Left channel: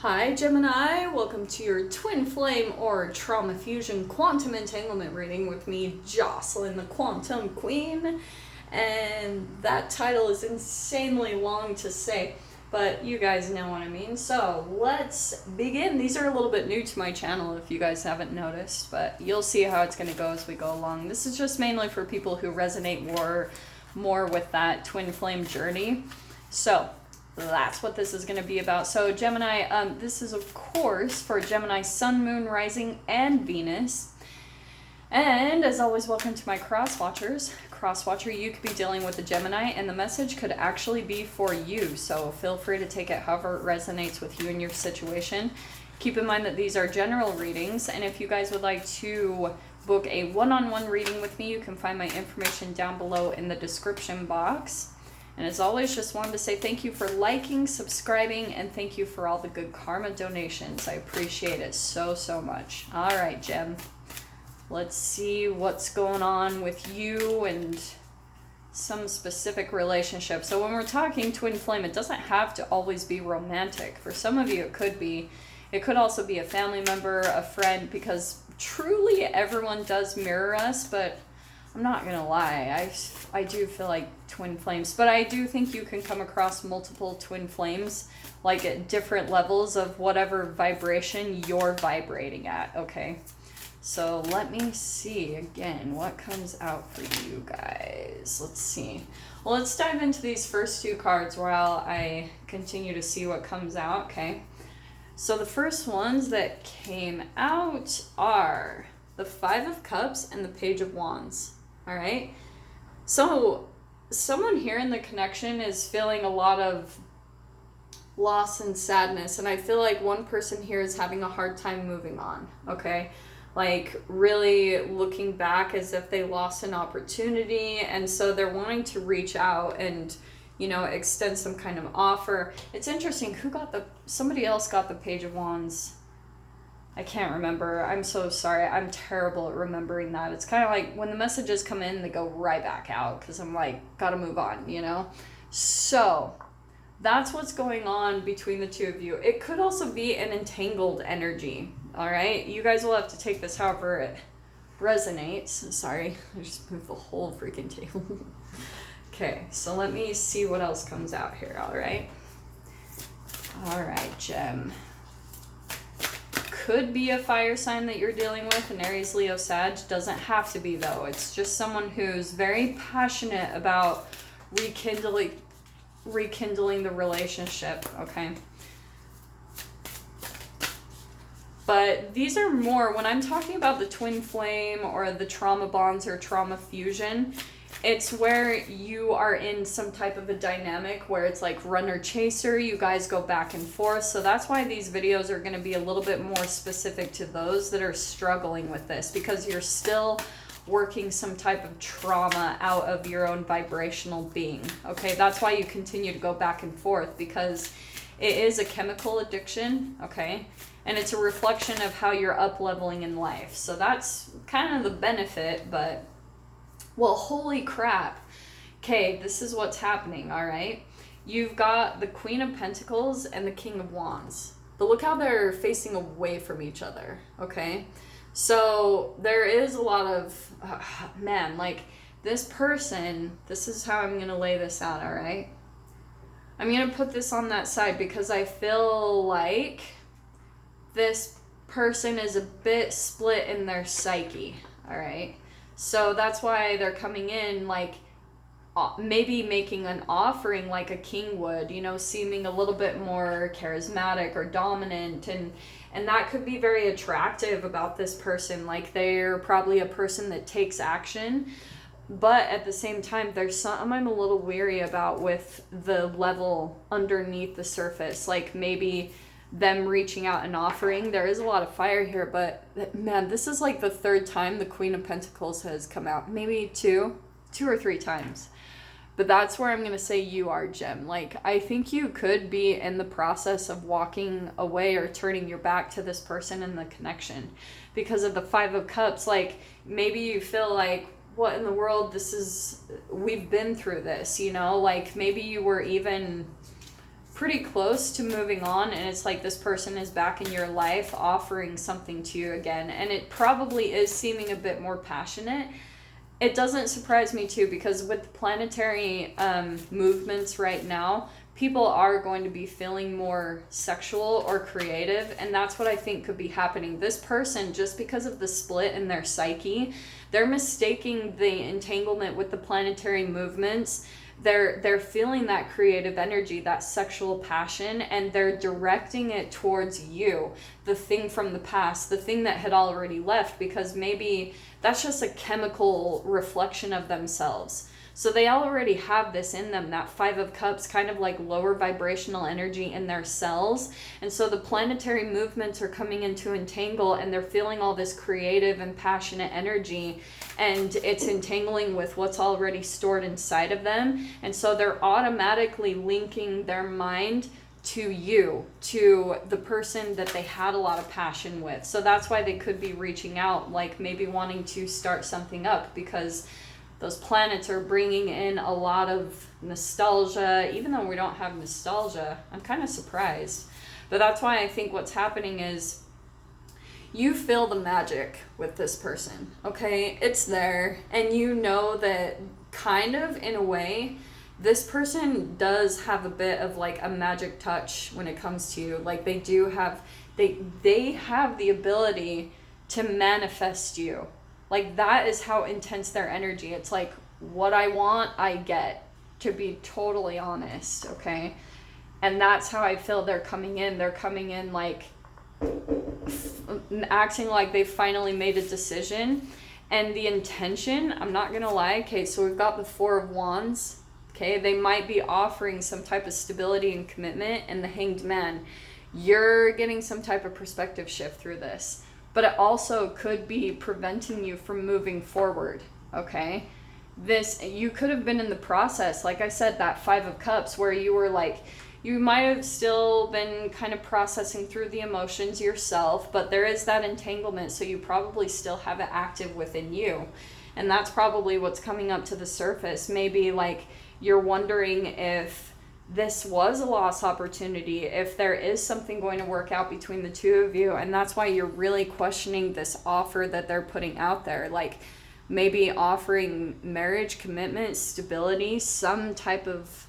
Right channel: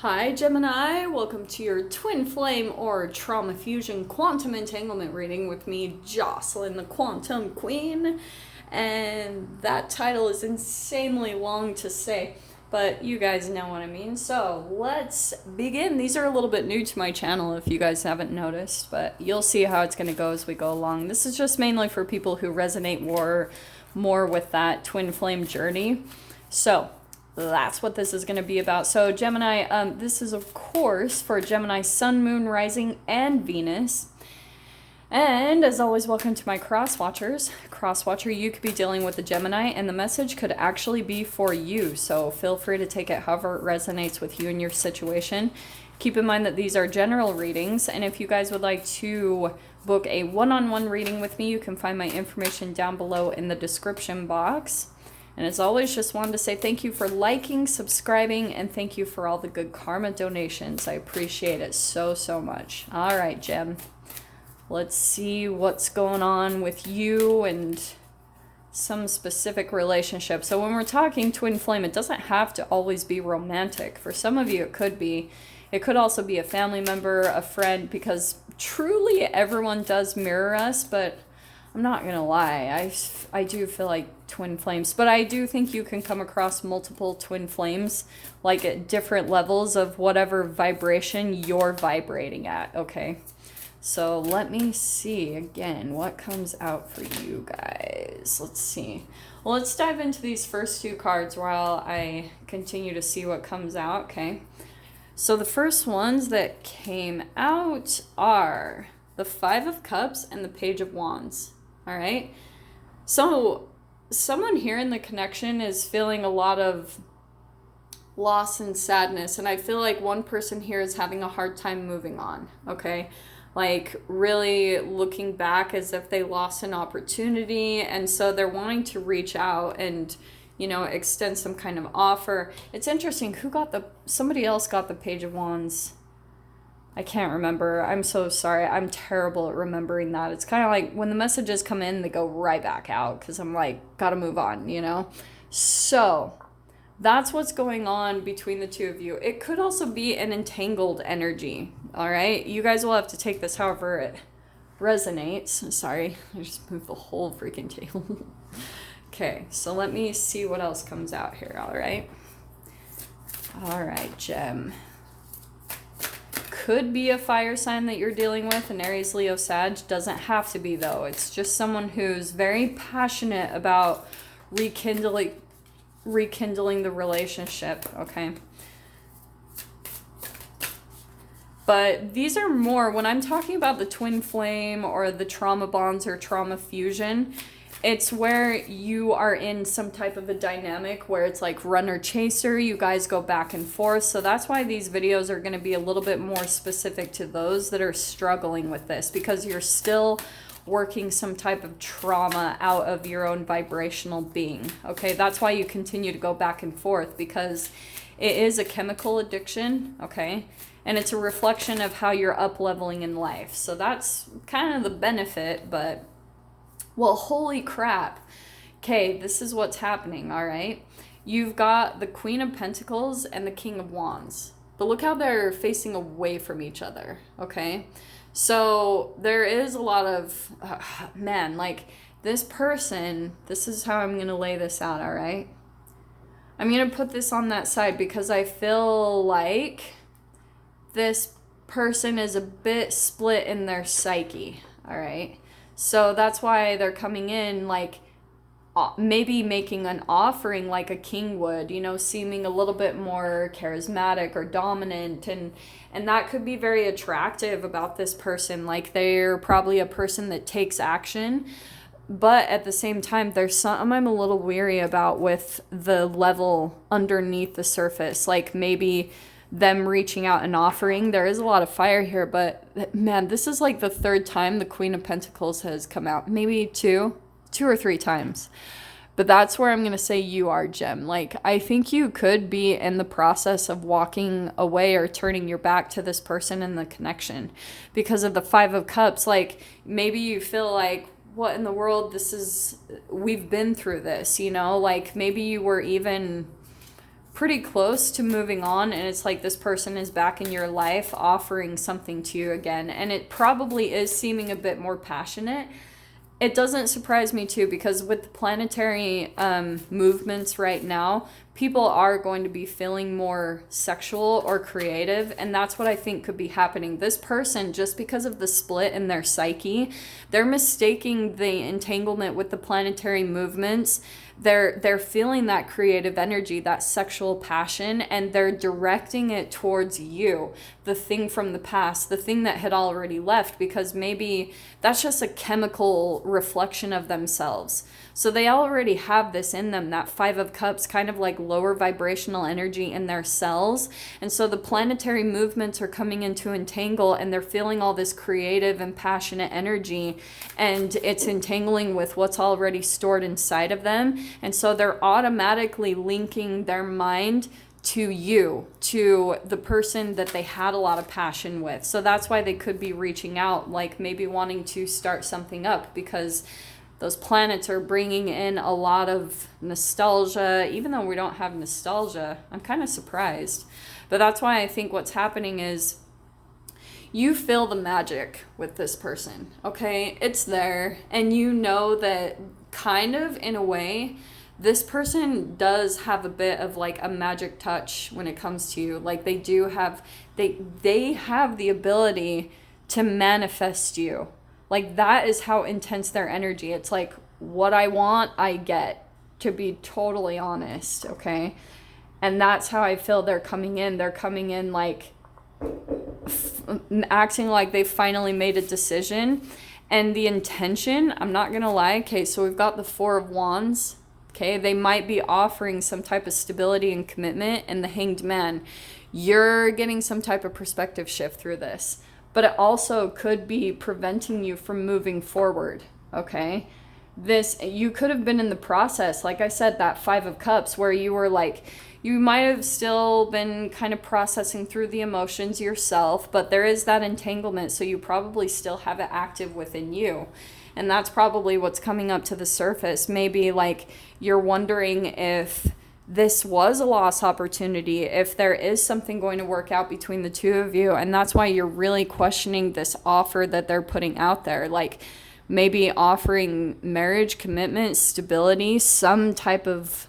Hi Gemini, welcome to your Twin Flame or Trauma Fusion Quantum Entanglement reading with me, Jocelyn the Quantum Queen. And that title is insanely long to say, but you guys know what I mean. So let's begin. These are a little bit new to my channel if you guys haven't noticed, but you'll see how it's going to go as we go along. This is just mainly for people who resonate more with that twin flame journey. So that's what this is going to be about. So Gemini, this is of course for Gemini Sun, Moon, Rising, and Venus. And as always, welcome to my cross-watchers. Cross-watcher, you could be dealing with a Gemini, and the message could actually be for you. So feel free to take it however it resonates with you and your situation. Keep in mind that these are general readings, and if you guys would like to book a one-on-one reading with me, you can find my information down below in the description box. And as always, just wanted to say thank you for liking, subscribing, and thank you for all the good karma donations. I appreciate it so much. All right, Gem. Let's see what's going on with you and some specific relationship. So when we're talking twin flame, it doesn't have to always be romantic. For some of you, it could be. It could also be a family member, a friend, because truly everyone does mirror us, but I'm not gonna lie, I do feel like twin flames, but I do think you can come across multiple twin flames, like at different levels of whatever vibration you're vibrating at, okay? So let me see again what comes out for you guys. Let's see. Well, let's dive into these first two cards while I continue to see what comes out, okay? So the first ones that came out are the Five of Cups and the Page of Wands. All right. So someone here in the connection is feeling a lot of loss and sadness. And I feel like one person here is having a hard time moving on. Okay. Like really looking back as if they lost an opportunity. And so they're wanting to reach out and, you know, extend some kind of offer. It's interesting. Somebody else got the Page of Wands. I can't remember. I'm so sorry. I'm terrible at remembering that. It's kind of like when the messages come in, they go right back out because I'm like, gotta move on, you know? So that's what's going on between the two of you. It could also be an entangled energy, all right? You guys will have to take this however it resonates. Sorry, I just moved the whole freaking table. Okay, so let me see what else comes out here, all right? All right, Gem. Could be a fire sign that you're dealing with, an Aries, Leo, Sag. Doesn't have to be though. It's just someone who's very passionate about rekindling the relationship, okay? But these are more, when I'm talking about the twin flame or the trauma bonds or trauma fusion, it's where you are in some type of a dynamic where it's like runner chaser, you guys go back and forth. So that's why these videos are going to be a little bit more specific to those that are struggling with this, because you're still working some type of trauma out of your own vibrational being. Okay, that's why you continue to go back and forth, because it is a chemical addiction, okay? And it's a reflection of how you're up leveling in life. So that's kind of the benefit, but well, holy crap. Okay, this is what's happening, all right? You've got the Queen of Pentacles and the King of Wands. But look how they're facing away from each other, okay? So there is a lot of, man, like this person, this is how I'm going to lay this out, all right? I'm going to put this on that side because I feel like this person is a bit split in their psyche, all right? So that's why they're coming in like maybe making an offering like a king would, you know, seeming a little bit more charismatic or dominant, and that could be very attractive about this person. Like they're probably a person that takes action, but at the same time there's some I'm a little weary about with the level underneath the surface, like maybe them reaching out and offering. There is a lot of fire here, but man, this is like the third time the Queen of Pentacles has come out, maybe two or three times. But that's where I'm going to say you are, Gem. Like, I think you could be in the process of walking away or turning your back to this person in the connection because of the Five of Cups. Like, maybe you feel like, what in the world, we've been through this, you know? Like, maybe you were even pretty close to moving on, and it's like this person is back in your life offering something to you again, and it probably is seeming a bit more passionate. It doesn't surprise me too, because with the planetary movements right now, people are going to be feeling more sexual or creative, and that's what I think could be happening. This person, just because of the split in their psyche, they're mistaking the entanglement with the planetary movements. They're feeling that creative energy, that sexual passion, and they're directing it towards you, the thing from the past, the thing that had already left, because maybe that's just a chemical reflection of themselves. So they already have this in them, that Five of Cups, kind of like lower vibrational energy in their cells. And so the planetary movements are coming into entangle, and they're feeling all this creative and passionate energy, and it's entangling with what's already stored inside of them. And so they're automatically linking their mind to you, to the person that they had a lot of passion with. So that's why they could be reaching out, like maybe wanting to start something up, because those planets are bringing in a lot of nostalgia. Even though we don't have nostalgia, I'm kind of surprised. But that's why I think what's happening is you feel the magic with this person, okay? It's there, and you know that kind of in a way, this person does have a bit of like a magic touch when it comes to you. Like they do have, they have the ability to manifest you. Like that is how intense their energy. It's like, what I want, I get, to be totally honest, okay? And that's how I feel they're coming in. They're coming in like acting like they finally made a decision. And the intention, I'm not gonna lie, okay, so we've got the Four of Wands, okay? They might be offering some type of stability and commitment, and the Hanged Man. You're getting some type of perspective shift through this. But it also could be preventing you from moving forward, okay? This, you could have been in the process, like I said, that Five of Cups, where you were like, you might have still been kind of processing through the emotions yourself, but there is that entanglement, so you probably still have it active within you. And that's probably what's coming up to the surface. Maybe like you're wondering if this was a lost opportunity, if there is something going to work out between the two of you, and that's why you're really questioning this offer that they're putting out there. Like maybe offering marriage, commitment, stability, some type of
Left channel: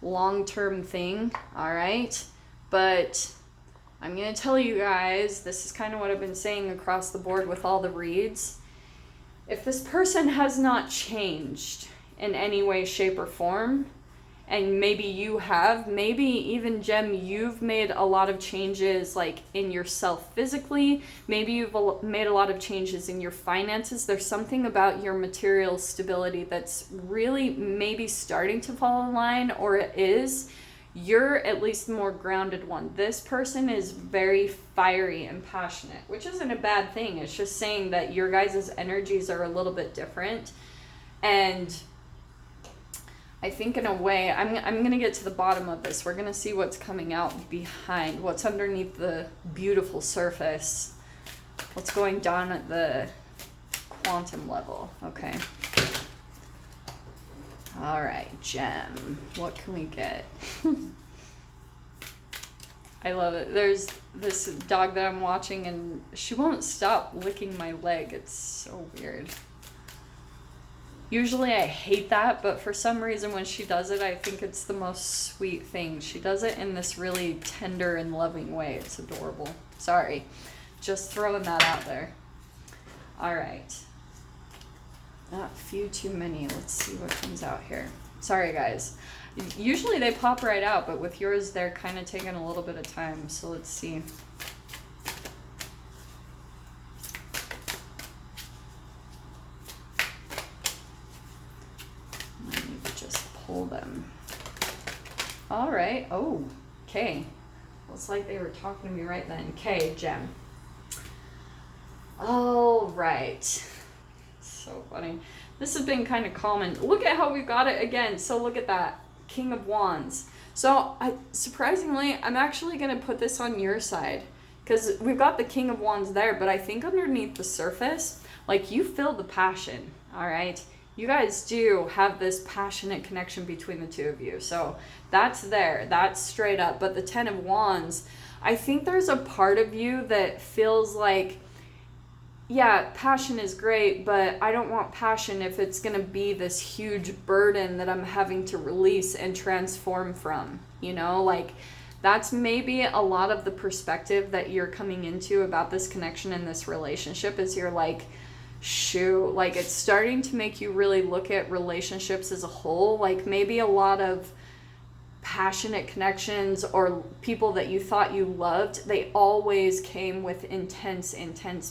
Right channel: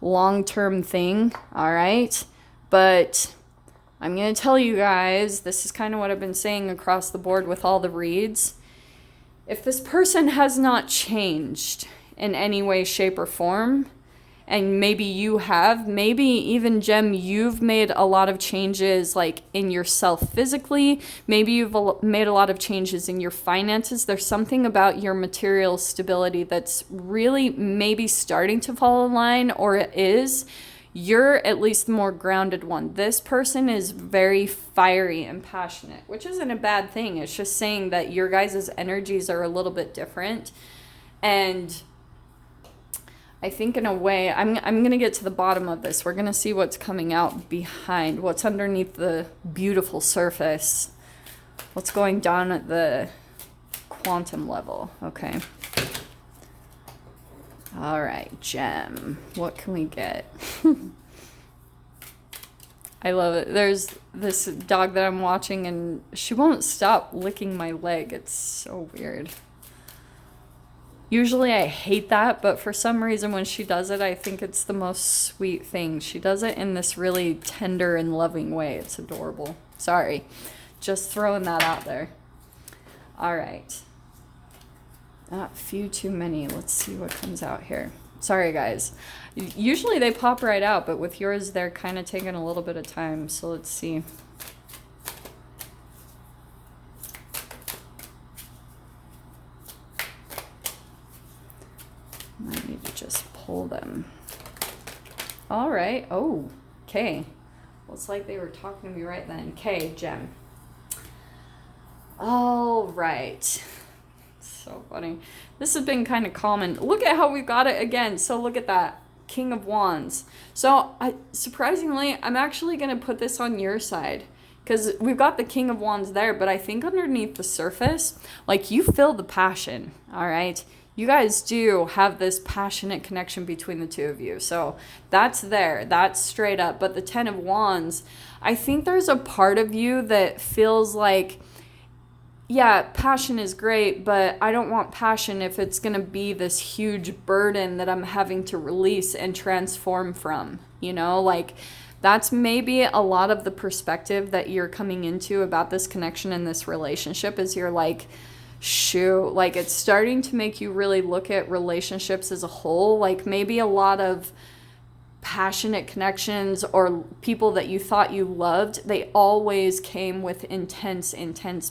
long-term thing, all right? But I'm going to tell you guys, this is kind of what I've been saying across the board with all the reads. If this person has not changed in any way, shape, or form, and maybe you have, maybe even Gem, you've made a lot of changes like in yourself physically, maybe you've made a lot of changes in your finances. There's something about your material stability that's really maybe starting to fall in line, or it is. You're at least the more grounded one. This person is very fiery and passionate, which isn't a bad thing. It's just saying that your guys' energies are a little bit different. And I think in a way, I'm going to get to the bottom of this. We're going to see what's coming out behind, what's underneath the beautiful surface, what's going down at the quantum level, okay? All right, Gem, what can we get? I love it. There's this dog that I'm watching, and she won't stop licking my leg. It's so weird. Usually I hate that, but for some reason when she does it, I think it's the most sweet thing. She does it in this really tender and loving way. It's adorable. Sorry, just throwing that out there. All right. Not a few too many. Let's see what comes out here. Sorry, guys. Usually they pop right out, but with yours, they're kind of taking a little bit of time. So let's see. I need to just pull them. All right. Oh, okay. Looks like they were talking to me right then. Okay, Gem. All right. So funny. This has been kind of common. Look at how we've got it again. So look at that. King of Wands. So surprisingly, I'm actually going to put this on your side, because we've got the King of Wands there, but I think underneath the surface, like, you feel the passion, all right? you guys do have this passionate connection between the two of you. So that's there. That's straight up. But the Ten of Wands, I think there's a part of you that feels like, yeah, passion is great, but I don't want passion if it's going to be this huge burden that I'm having to release and transform from, you know, like that's maybe a lot of the perspective that you're coming into about this connection in this relationship is you're like, shoot, like it's starting to make you really look at relationships as a whole. Like maybe a lot of passionate connections or people that you thought you loved, they always came with intense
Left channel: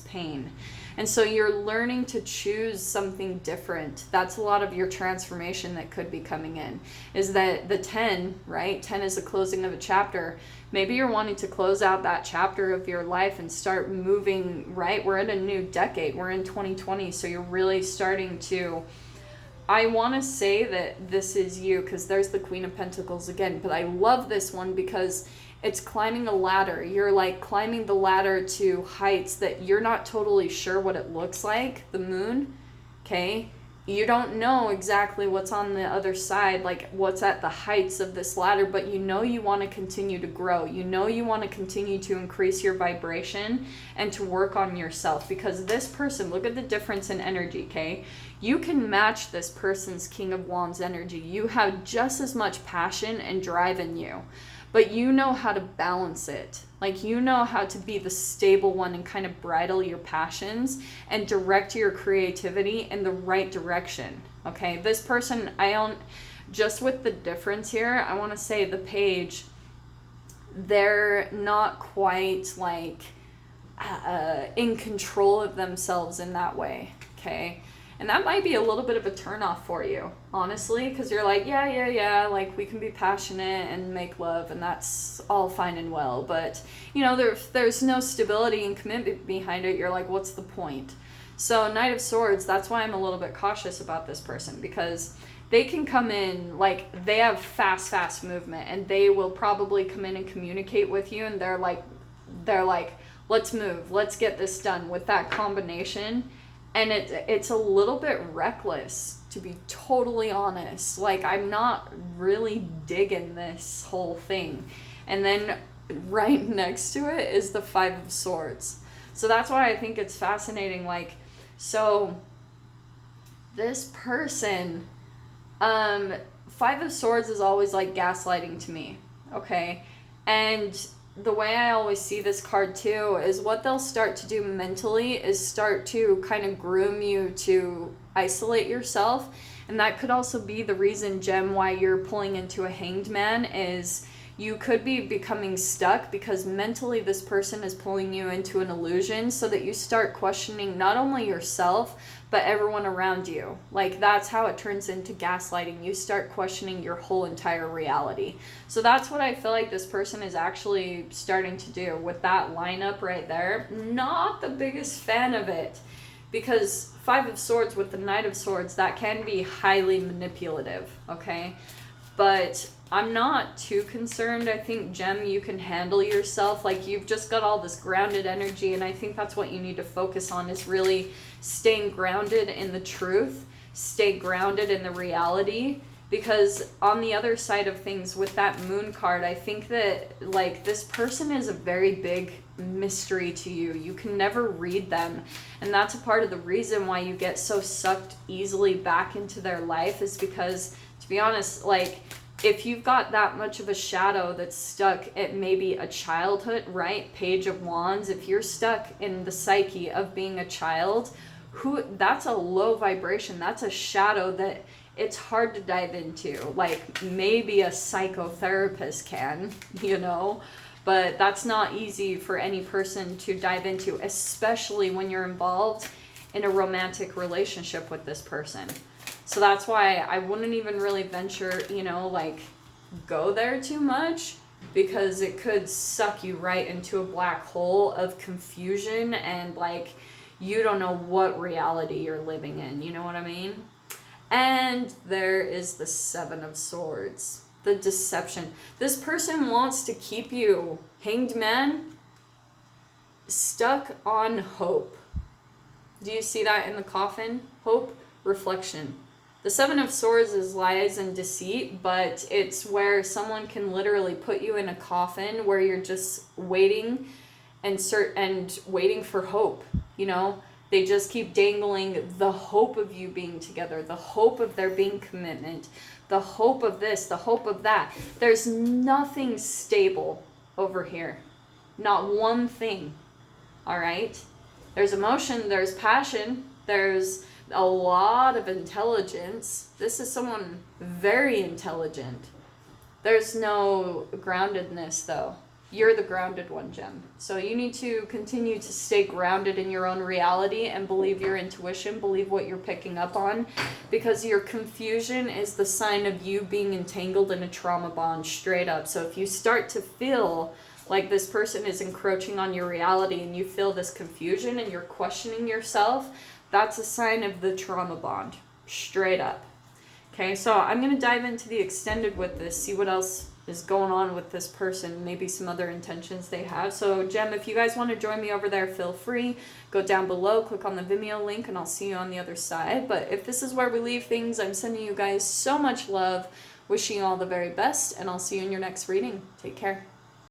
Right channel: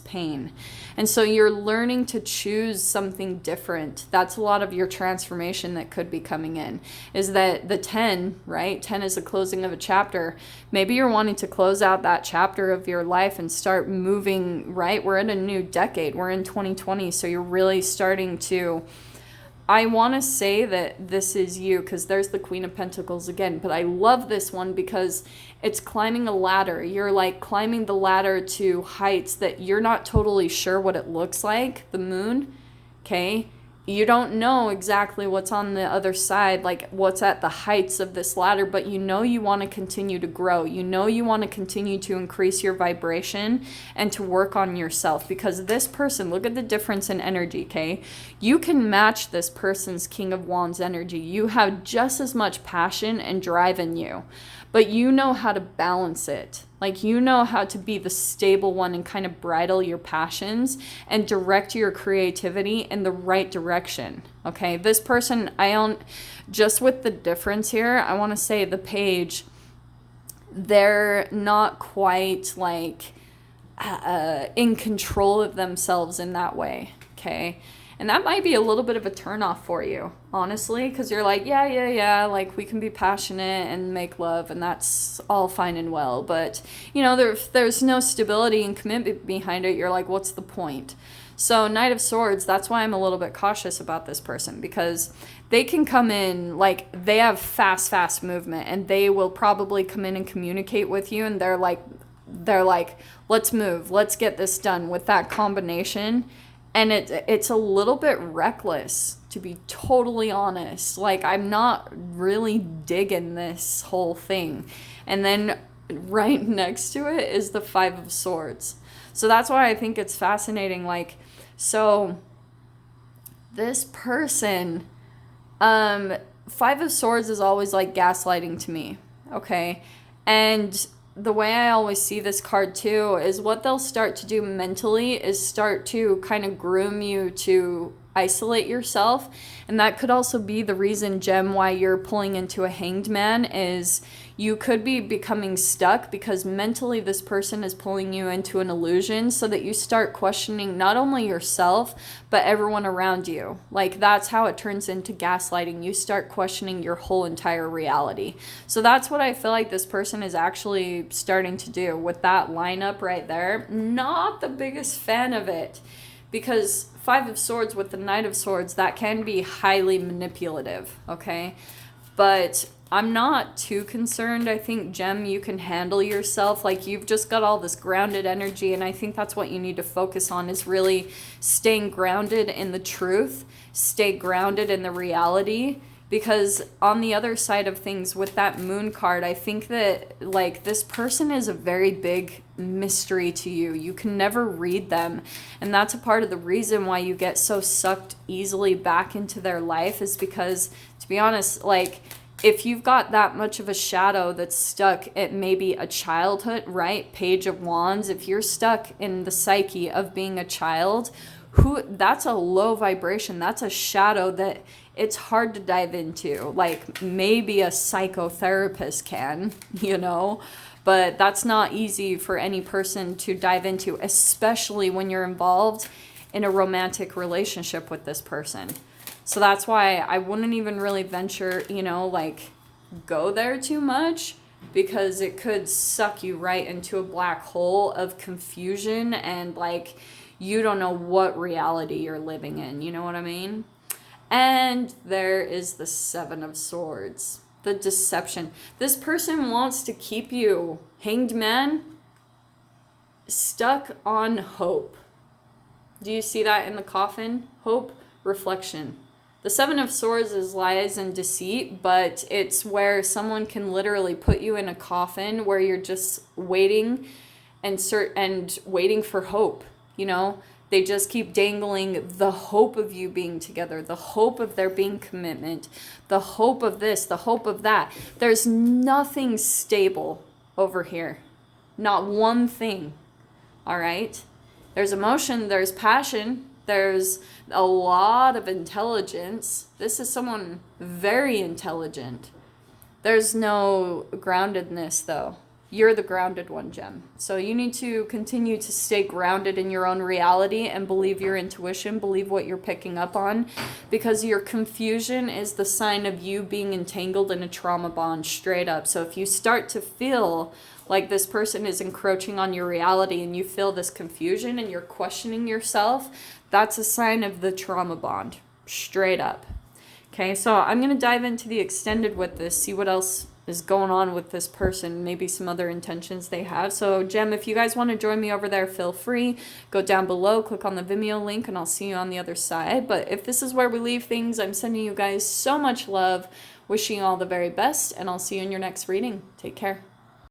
pain. And so you're learning to choose something different. That's a lot of your transformation that could be coming in, is that the 10, right? 10 is the closing of a chapter. Maybe you're wanting to close out that chapter of your life and start moving, right? We're in a new decade. We're in 2020. So you're really starting to, I want to say that this is you, because there's the Queen of Pentacles again, but I love this one because it's climbing a ladder. You're like climbing the ladder to heights that you're not totally sure what it looks like, the moon, okay? You don't know exactly what's on the other side, like what's at the heights of this ladder, but you know you want to continue to grow. You know you want to continue to increase your vibration and to work on yourself, because this person, look at the difference in energy, okay? You can match this person's King of Wands energy. You have just as much passion and drive in you, but you know how to balance it. Like you know how to be the stable one and kind of bridle your passions and direct your creativity in the right direction. Okay, this person, just with the difference here, I want to say the page, they're not quite like in control of themselves in that way. Okay. And that might be a little bit of a turnoff for you, honestly, because you're like, yeah, like we can be passionate and make love, and that's all fine and well. But, you know, there's no stability and commitment behind it. You're like, what's the point? So Knight of Swords, that's why I'm a little bit cautious about this person, because they can come in, like, they have fast movement, and they will probably come in and communicate with you, and they're like, let's move, let's get this done with that combination. And it's a little bit reckless, to be totally honest. Like, I'm not really digging this whole thing. And then right next to it is the Five of Swords. So that's why I think it's fascinating. Like, so this person, Five of Swords is always like gaslighting to me, okay? And the way I always see this card too is what they'll start to do mentally is start to kind of groom you to isolate yourself. And that could also be the reason, Gem, why you're pulling into a Hanged Man, is you could be becoming stuck because mentally this person is pulling you into an illusion, so that you start questioning not only yourself but everyone around you. Like, that's how it turns into gaslighting. You start questioning your whole entire reality. So that's what I feel like this person is actually starting to do with that lineup right there. Not the biggest fan of it, because Five of Swords with the Knight of Swords, that can be highly manipulative, okay? But I'm not too concerned. I think, Gem, you can handle yourself. Like, you've just got all this grounded energy, and I think that's what you need to focus on, is really staying grounded in the truth, stay grounded in the reality. Because on the other side of things with that Moon card, I think that, like, this person is a very big mystery to you. You can never read them. And that's a part of the reason why you get so sucked easily back into their life, is because, to be honest, like, if you've got that much of a shadow that's stuck at maybe a childhood, right? Page of Wands, if you're stuck in the psyche of being a child, that's a low vibration. That's a shadow that it's hard to dive into. Like, maybe a psychotherapist can, you know, but that's not easy for any person to dive into, especially when you're involved in a romantic relationship with this person. So that's why I wouldn't even really venture, you know, like, go there too much, because it could suck you right into a black hole of confusion, and, like, you don't know what reality you're living in. You know what I mean? And there is the Seven of Swords, the deception. This person wants to keep you, Hanged Man, stuck on hope. Do you see that in the coffin? Hope, reflection. The Seven of Swords is lies and deceit, but it's where someone can literally put you in a coffin where you're just waiting and waiting for hope, you know? They just keep dangling the hope of you being together, the hope of there being commitment, the hope of this, the hope of that. There's nothing stable over here. Not one thing. All right? There's emotion, there's passion, there's a lot of intelligence. This is someone very intelligent. There's no groundedness, though. You're the grounded one, Gem. So you need to continue to stay grounded in your own reality and believe your intuition, believe what you're picking up on, because your confusion is the sign of you being entangled in a trauma bond, straight up. So if you start to feel like this person is encroaching on your reality and you feel this confusion and you're questioning yourself, that's a sign of the trauma bond, straight up. Okay, so I'm going to dive into the extended with this, see what else is going on with this person, maybe some other intentions they have. So Gem, if you guys want to join me over there, feel free. Go down below, click on the Vimeo link, and I'll see you on the other side. But if this is where we leave things, I'm sending you guys so much love, wishing you all the very best, and I'll see you in your next reading. Take care.